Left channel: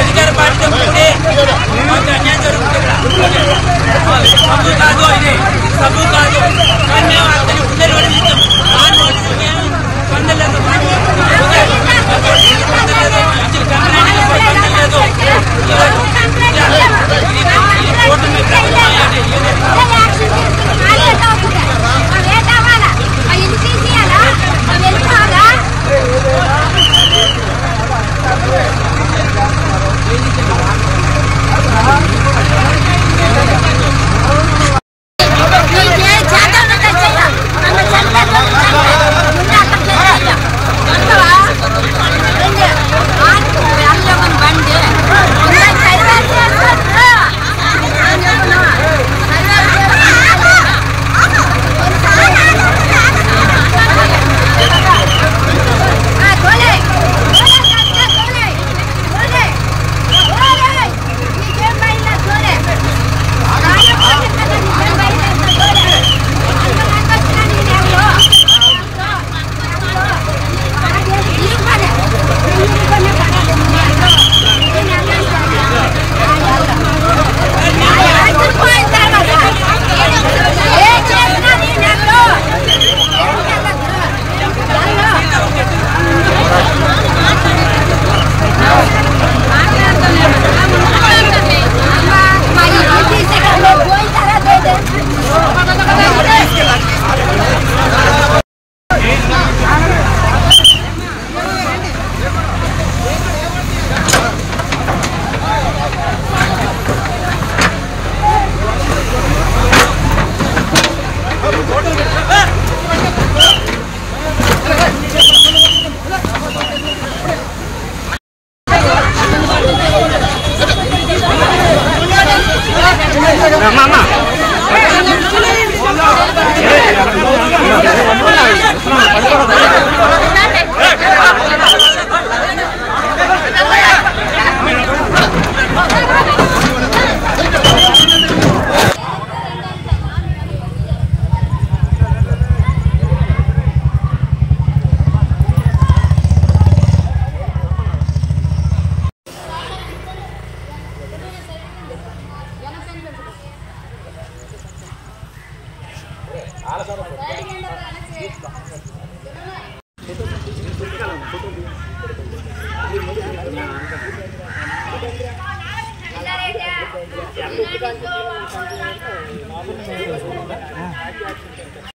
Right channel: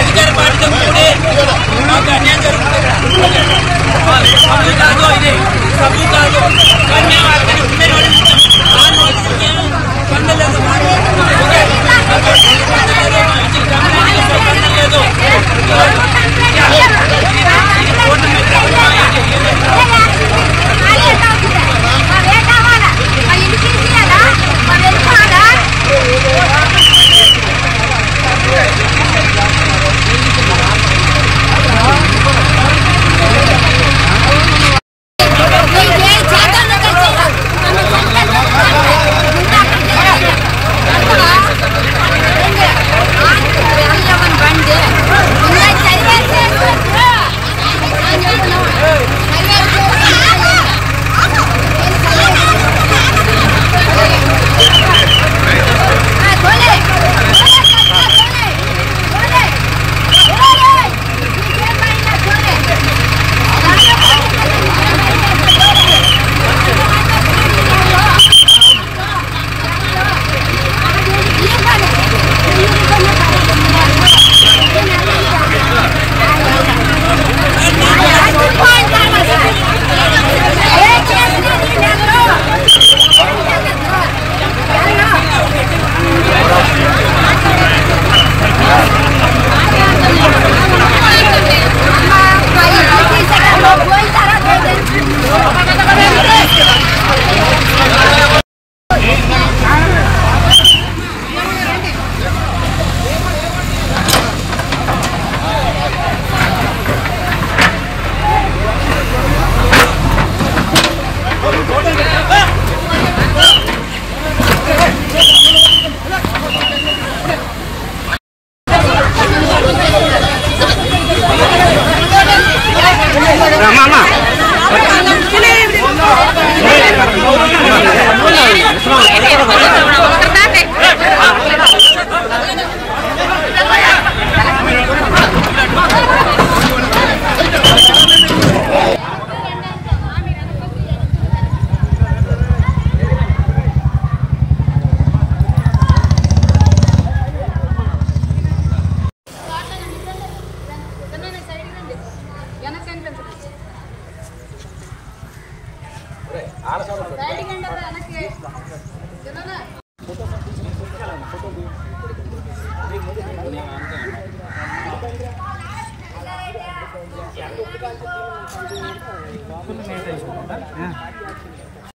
అధికార పార్టీతో కూడి మాకు అన్యాయం జరుగుతుంది. సభ్యు కాదు, ఇది సభ్యు కాదు. మేము అక్కడ ఉండే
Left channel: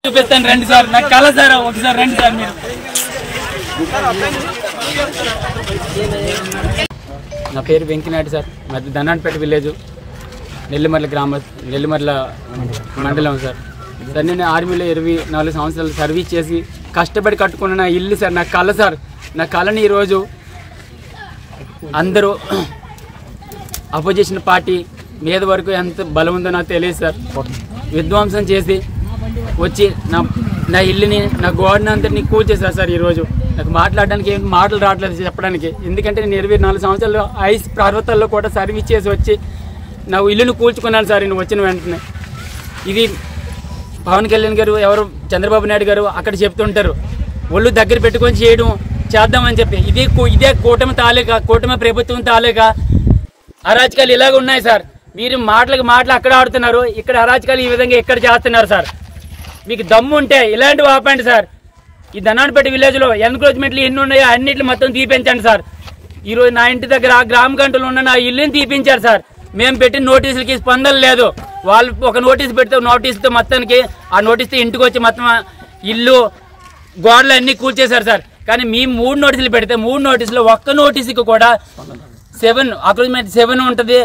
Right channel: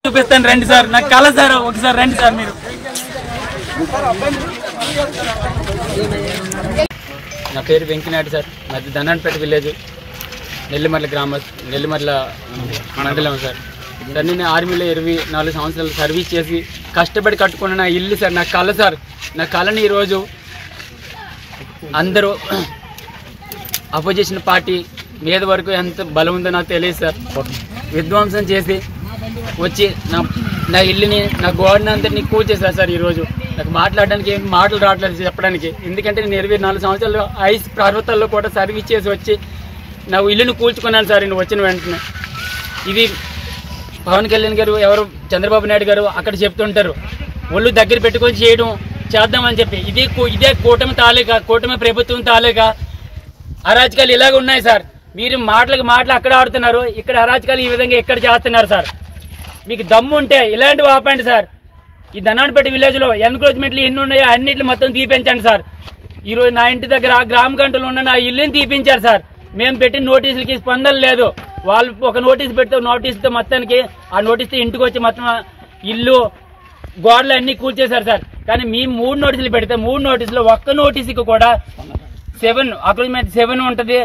చూపిస్తాను రండి సార్. నాకు కళ సార్, ఒకసారి రండి సార్ మీరు. నా పేరు వెంకనాయుడు సార్. నాది ధనాన్పేట విలేజ్, నెల్లిమర్ల గ్రామం, నెల్లిమర్ల మండలం సార్. సార్ నేను ఆర్మీలో 24 సంవత్సరాలు సర్వీస్ చేసి కష్టపడి కట్టుకున్న నా ఇల్లు సార్. నా కళ సార్. నా కళని ఈరోజు అందరూ అపోజిషన్ పార్టీ మీద వరకు ఎంత బలం ఉందో నాకు తెలియదు సార్. విధ్వంసం చేసి వచ్చి నా ఇల్లుని, నా గోడని అంతటిని కూల్చేశారు సార్. ఈరోజు నాకు మాట్లాడడానికి ఏం మాటలు రావట్లేదు చెప్పడానికి. ఎందుకంటే నేను 24 సంవత్సరాలు ఐస్ పర్వతాల్లో కూడా సర్వీస్ చేసి వచ్చి నా ఇల్లుని కూల్చుకున్నాను సార్. నేను వచ్చిన వెంటనే ఇది పవన్ కళ్యాణ్ గారు, ఎవరు చంద్రబాబు నాయుడు గారు అక్కడ చెప్తుంటారు ఒళ్ళు దగ్గర పెట్టుకొని చేద్దామని చెప్పి. ఇదే కూటమి తాలూకా, కూటమి ప్రభుత్వం తాలూకా అరాచకాలు ఇలాగ ఉన్నాయి సార్. మీరు మాటలు అక్కడ ఆడుతున్నారు, ఇక్కడ అరాచకాలు ఈ విధంగా ఎక్కడ చేస్తున్నారు సార్. మీకు దమ్ము ఉంటే ఇలాంటివి ఆపండి సార్. ఈ ధనాన్పేట విలేజ్లో ఎన్క్రోచ్మెంట్లు ఎన్ని ఉన్నాయో అన్నింటిని మొత్తం తీపించండి సార్. ఈరోజు నా ఇంటి దగ్గర గ్రామ గంటలు ఉన్న నా ఇల్లుని తీపించారు సార్. మేము పెట్టిన నోటీసులకి స్పందన లేదు. వాళ్ళు ఒక నోటీసు పెడితే నోటీసుతో మొత్తానికి ఆ నోటీసుతో ఇంటికి వచ్చి మొత్తం ఇల్లు గోడలు అన్నీ కూల్చేశారు సార్. కానీ మేము 3 నోటీసులు పెడితే 3 నోటీసులు ఒక్క నోటీసుకి కూడా 7 అగ్రిమెంట్ 7 ఉంటుంది,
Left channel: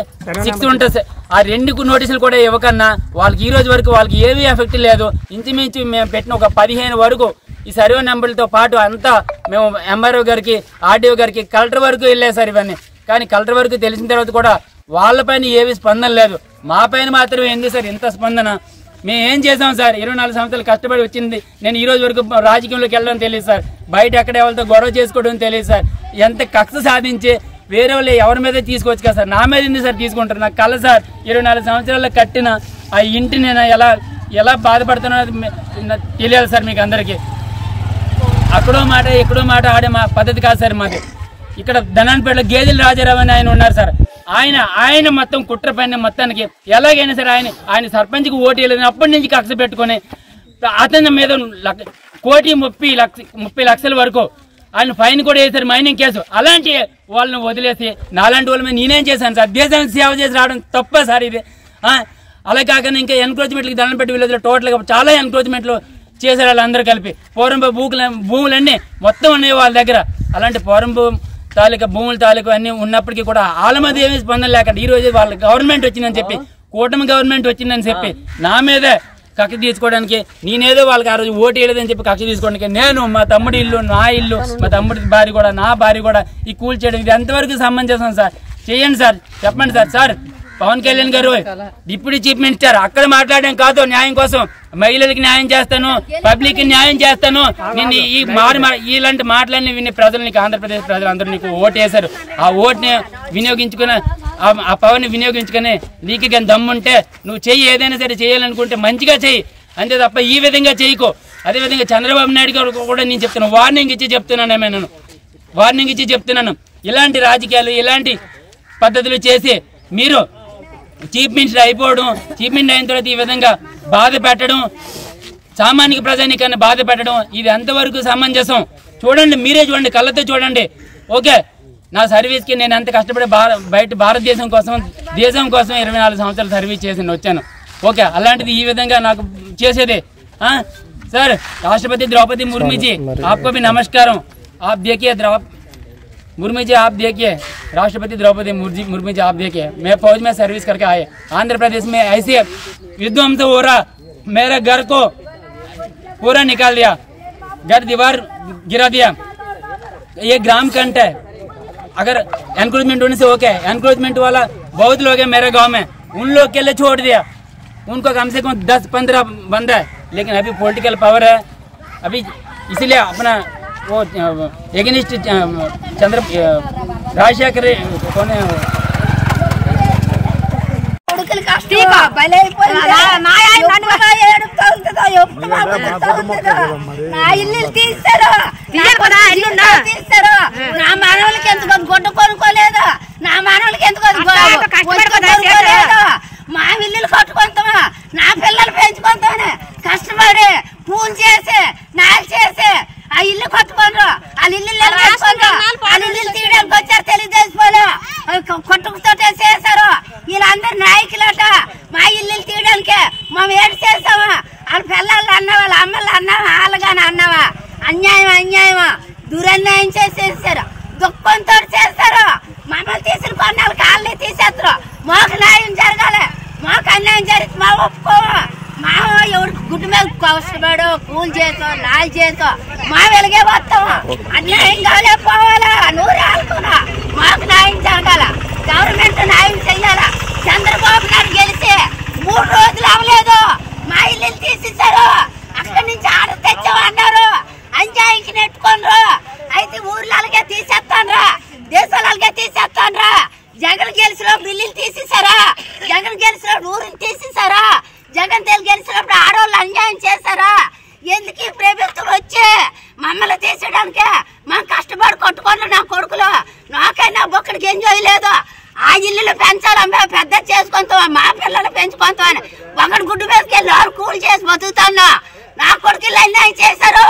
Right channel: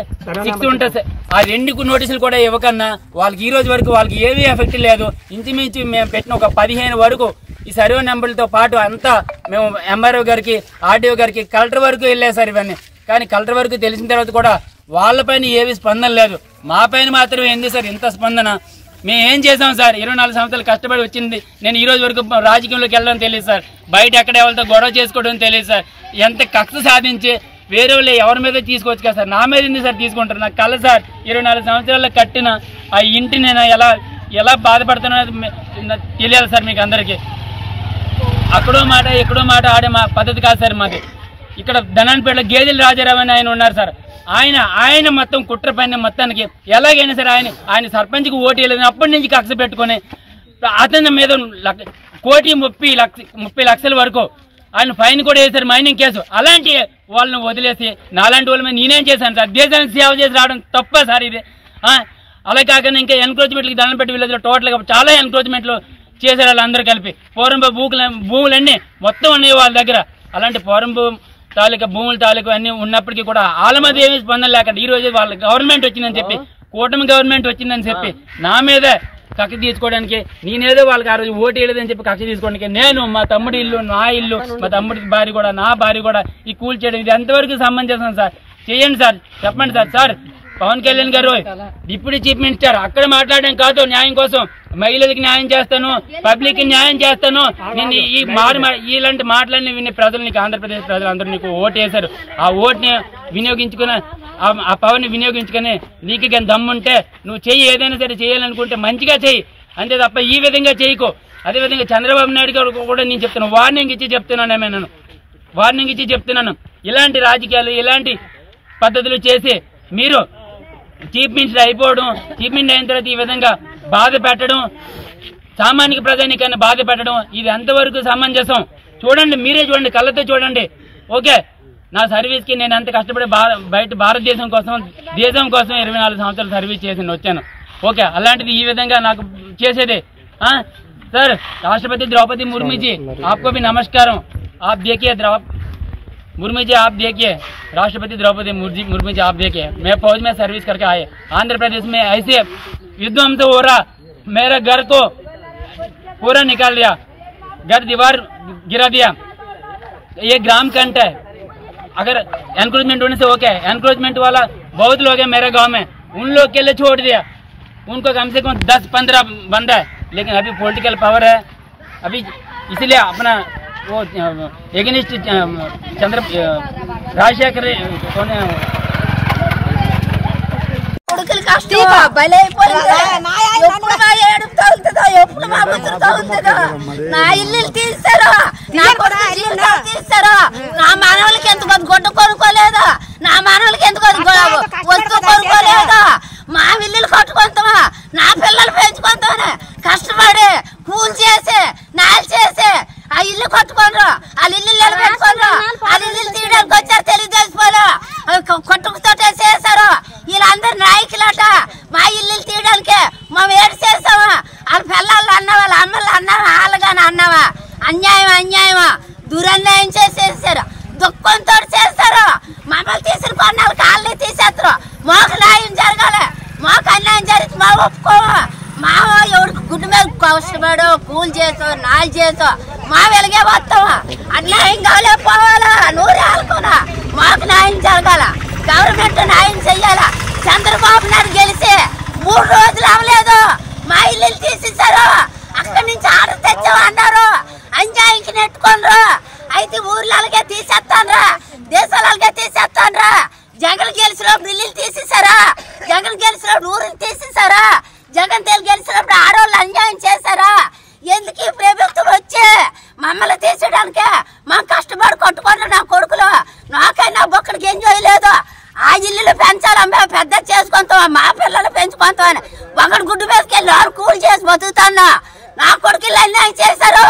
6 ఉంటుంది. ఆ 2 నోటీసులు కూడా ఇవ్వకన్నా వాళ్ళకి ఈ రోజు వరకు వాళ్ళకి ఏమీ ఎఫెక్ట్ లేదు. ఇంచుమించు మేము పెట్టిన ఒక 15 వరకు ఈ సర్వే నెంబర్లతో పాటు అంతా మేము ఎంఆర్ఓ గారికి, ఆర్డీఓ గారికి, కలెక్టర్ వరకు వెళ్ళాయి సార్ ఇవన్నీ. కానీ కలెక్టర్ వరకు తెలిసిన తర్వాత కూడా వాళ్ళపైన ఏమీ స్పందన లేదు. మా పైన మాత్రం ఏంది సార్ ఇంత స్పందన? మేము ఏం చేసాం సార్? 24 సంవత్సరాలు కష్టపడి వచ్చింది. నేను ఈ రోజు వరకు రాజకీయంలోకి వెళ్ళడం తెలియదు సార్. బయట ఎక్కడ ఎవరితో గొడవ చేసుకోవడం తెలియదు సార్. ఎంత కక్ష సాధించి వేరే వాళ్ళు ఎవరి మీద తీసుకోవచ్చు కదా సార్, నా మీద ఎందుకు సార్ తీసుకుంటారు? నాకు కల సార్ 24 సంవత్సరాల్లో కట్టిన ఆ ఇంటి నేను ఎలా బాధపడుతున్నా తెలియాలి సార్ మీకు అందరికీ. అక్కడో మాట ఎక్కడో మాట ఆడే మా పద్ధతి కాదు సార్ మాది. ఇక్కడ ధనాన్పేటలో గేదెల రాజారావు అని ఆయన ఉన్నారు సార్. ఆయన మొత్తం కుట్ర పైన మొత్తానికి ఎలాగైనా సరే ఆయన సర్పంచ్కి ఓటు వేయలేదు. అప్పటి నుంచి కక్ష పెట్టుకుని అతని మీద 1,30 లక్షల వరకు ఆయన ఫైన్ కూడా వేశారు, మైనింగ్ కేసు. అలాంటి వాళ్ళని వదిలేసి నాలాంటి వాళ్ళ మీద నేనేం చేశాను సార్? దేశానికి సేవ చేసి రావడం తప్ప సార్ ఇది. అలా కాకుండా ఇంకా ఎన్క్రోచ్మెంట్లకి ధనంపేట విలేజ్లో టోటల్గా చాలా ఎన్క్రోచ్మెంట్లు చేశారు వాళ్ళందరూ కలిపి. పూర్వంభూ భూములన్నీ మొత్తం ఉన్నాయి వాళ్ళ దగ్గర. అలాంటి పూర్వంభూ తాలూకా భూముల తాలూకా అన్నీ ఉన్నప్పటికీ కూడా వాళ్ళ మీద ఏమీ స్పందన లేకుండా ఈరోజు వాళ్ళ గవర్నమెంట్ వచ్చిందని చెప్పి, కూటమి గవర్నమెంట్ వచ్చిందని చెప్పి నా మీద కక్ష తీసుకోవడానికి, నేనేదో వాళ్ళకి ఆ రోజు ఓటు వేయలేదని చెప్పి కక్ష తీసుకోవడానికి నేను మా తమ్ముడి ఇల్లు, నా ఇల్లు, మా తమ్ముడి భార్య కూడా, నా భార్య కూడా ఈ కూల్ చేయడం ఇది ఎంతవరకు సమంజసం సార్? చేయండి సార్, చెప్పండి సార్. సార్ పవన్ కళ్యాణ్ గారు డిప్యూటీ చీఫ్ మినిస్టర్, అక్కడ మాట్లాడడం కాదు న్యాయం కోసం, మహిళలకు న్యాయం చేస్తాను, పబ్లిక్ కి న్యాయం చేస్తాను. నేను ఈ ఇలాంటి మాటలన్నీ విని ప్రజలు, నీకు ఆంధ్రప్రదేశ్ ప్రజలు అందరూ నీకు ఓటు వేశారు. ఆ ఓటుని వినియోగించుకుని, ఆ పవన్ వినియోగించుకుని నీకు కానీ దమ్ముంటే నువ్వు చెయ్యి, ఏదైనా సరే చేయాలనుకుంటే మంచిగా చెయ్యి, అంతే తప్ప ఈ విధంగా చేయకు. అదేవిధంగా చంద్రబాబు నాయుడు గారు కూడా నేను చెప్తున్నాను, వార్నింగ్ ఇచ్చి చెప్తున్నాను. ఇలాంటి రాజకీయాలు, ఇలాంటి పద్ధతులు చేసి మీరు చీఫ్ మినిస్టర్ అయిపోవడం, చీఫ్ మినిస్టర్ అయిన తర్వాత ఈ విధంగా బాధ పెట్టడం, సామాన్య ప్రజానికాన్ని బాధ పెట్టడం, ఇది ఎంతవరకు సమంజసం? చూడండి, మీరే చూడండి, కళ్ళతో చూడండి. ఓకే, నా సర్వీస్కి నేను ఎంత కష్టపడి బయట భారతదేశం కోసం, దేశం కోసం 24 సంవత్సరాలు సర్వీస్ చేసి వచ్చాను. ఓకే, అలాంటిది ఈ విధంగా నాకు చేసేది? सर राष्ट्रपति द्रौपदी मुर्मू जी आपको भी नमस्कार। आप देखिए मुर्मू जी, आप देखिए राष्ट्रपति द्रौपदी मुर्मू जी, आप देखिए मैं फौज में सर्विस करके आए, आंध्र प्रदेश में ऐसे विध्वंस हो रहा, मेरा घर को पूरा निकाल दिया, घर दीवार गिरा दिया। ये ग्राम कंट है, अगर एनक्रोचमेंट होने से ओके, एनक्रोचमेंट वाला बहुत लोग हैं मेरे गांव में, उन लोग के लिए छोड़ दिया, उनको कम से कम 10-15 बंदा है, लेकिन अभी पॉलिटिकल पावर है अभी, इसलिए अपना वो एगेनिस्ट राजशेखर कौन है నా ఇల్లు తీస్తారు, నా తీస్తారు, నా మానవులకి ఎందుకు గొడ్డు కొనుక్కోలేదు, నా మానవులకి ఎందుకు వస్తు కొనుక్కోలేదు, మా ఇల్లులు కట్టుకుంటామా, నా పిల్లలు పెంచుకుంటామని కష్టపడి కూలి చేసి నాలు చేసి ఆ ఇల్లు కట్టుకోండ్రు, వాళ్ళ ఇల్లు నిలబెట్టుకోండ్రు, వాళ్ళ ఇల్లు తీయడానికి వచ్చారు తెలుగుదేశం వాళ్ళు, కొట్టుకుతోటే చేశారు. వీళ్ళందరూ నాయకులట, మా ఇల్లు తీయడానికి మేము ఏడు చేసామా, వాళ్ళ పిల్లలు అన్నా, వాళ్ళ అమ్మలు అన్నావా, వాళ్ళగానే అన్నావా, అన్యాయమా దురన్యాయం చేసేసారు, దుఃఖంతో చేస్తారు. మమ్మల్ని తీసుకుని కొన్నాళ్ళకి వాళ్ళని తీసేస్తారు. మాకు న్యాయం జరగాలి, మాకు అన్యాయం జరిగితే మా ఒప్పుకోము, మా ఎవరికి గుడ్డు మీద కష్టపడో కూలి చేసో నాలు చేసో మా వెలిగే వస్తావా, అన్యాయం కాలే పోవాలా, నూరు ఆడుకోనా, మాకు న్యాయం జరగాల, గవర్నమెంట్ న్యాయం చెయ్యాలా. చంద్రబాబు నాయుడు గెలిచి 3 రోజులు అవ్వలేదు, మా ఇల్లు తీసేశారు, అక్కడి నుంచి ఆర్డర్ తెచ్చామన్నారు, అంజాయికి నెట్టుకోండ్రు, అయితే ఊర్లకే తీసేస్తాన్రా, దేశాలకే తీసేస్తాన్రా. జగన్ గెలిచినప్పుడు ఇల్లు తీసేశారా, జగన్ గెలిచినప్పుడు ఊరిని తీసేశారా, జగన్ గెలిచినప్పుడు ఆడవాళ్ళు అన్యాయం చేశారా? ఎందుకు ఈ ప్రభుత్వం వచ్చి మమ్మల్ని తీసేయడానికి? మాకు కష్టపడి కొట్టుకోండి నా కొడుకులు, నాకైనా బొక్కడికి ఎంజాయ్ లేదు. ఆ ఇల్లు పెంచాలమ్మా, పెద్ద చేసుకుంటావా, మా పిల్లలు పెంచుకుంటామని ఒకటి గుడ్డు మీదకెళ్ళి కూలి చేసి బతుకుతాను. నా కొడుకులు అన్యాయం చేశారు,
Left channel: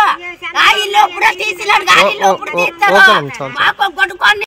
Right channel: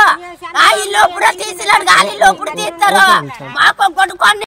నా ఇల్లు ఇప్పుడు తీసినాడు, ఆ ఇల్లు ఇప్పుడు తీస్తారు, మాకు కొట్టుకోండి.